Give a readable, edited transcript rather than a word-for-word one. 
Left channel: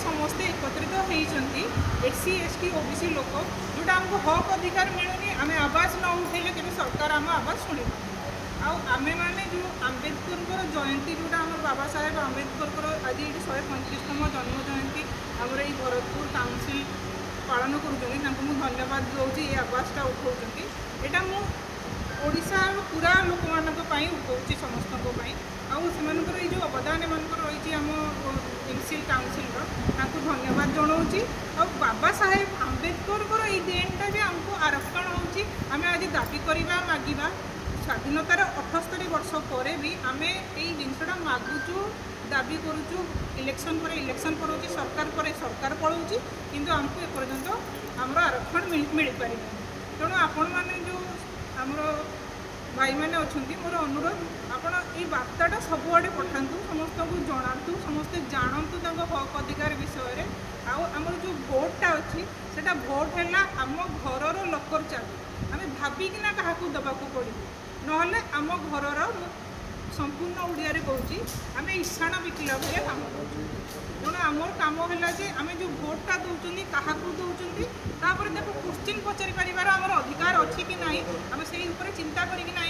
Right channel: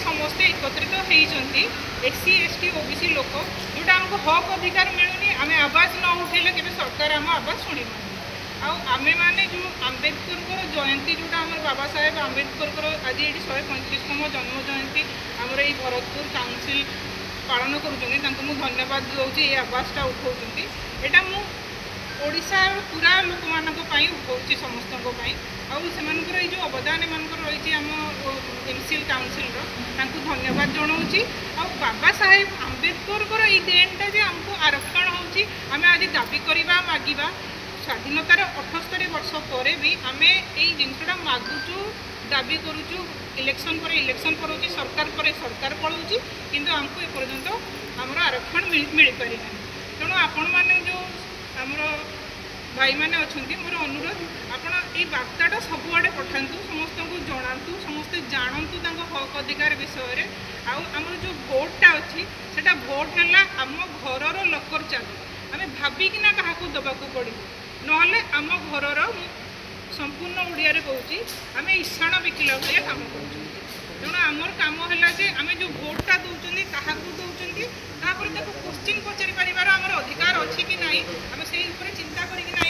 समस्ते एकत्रित होती एससी एसटी ओबीसी लोक जोटा आमको हक अधिकार मिलूनी आम आवाज न उठेले के सरकार आम आवाज शुणी आमे मैंने जो आम्बेडकर जयंती जोटा आम बाबा साहेब आम्बेडकर आज ये 135तम जन्म जयंती आमर ये भरतपुर काउंसिल पालन करूँ धन्यवाद दूसरी ये आवासटा उठाऊँ यहाँ मुशार पूरा लोक मान उठाऊँ समस्त आर जो अवदान एमकर रही आम एमसीएल काउंसिल धन्यवाद जनाऊँगी बाबा साहेब आम्बेडकर ये देनटा जे आमको आरक्षण होमें आज दाबी करवा मागिबा स्वाधीनतार 78 वर्ष पर भी आम यही जिनसा मागुचु दाबी करुचु इलेक्शन पर इलेक्शन करुच्ची सरकार पर सरकार पलाऊँगी किंतु आमको एपर्यंत आमर आरक्षण मिल पारि ना तेणु आपण मैंने जो आमर भाई मैंने अच्छा मोर अनुरोध आपण ये बार्ताटा सबुआड़े पठातु समस्त को जनातु समस्ते जानतु हक अधिकार विषय आमर जो भोटा अच्छी से भोट है आम घर लकर चाबी आम भाविकिना क्या दबाक पड़ो ना आम घर संपूर्ण ओडिया कहूँ आम ईशाण बिकिला भाया कम कर तेणु आमर कम है जे आम जो भोटा दौरान क्या दौरान तापर क्वेश्चन पचारि पार आमर अधिकार अच्छी कि ना आम से चिंता करना।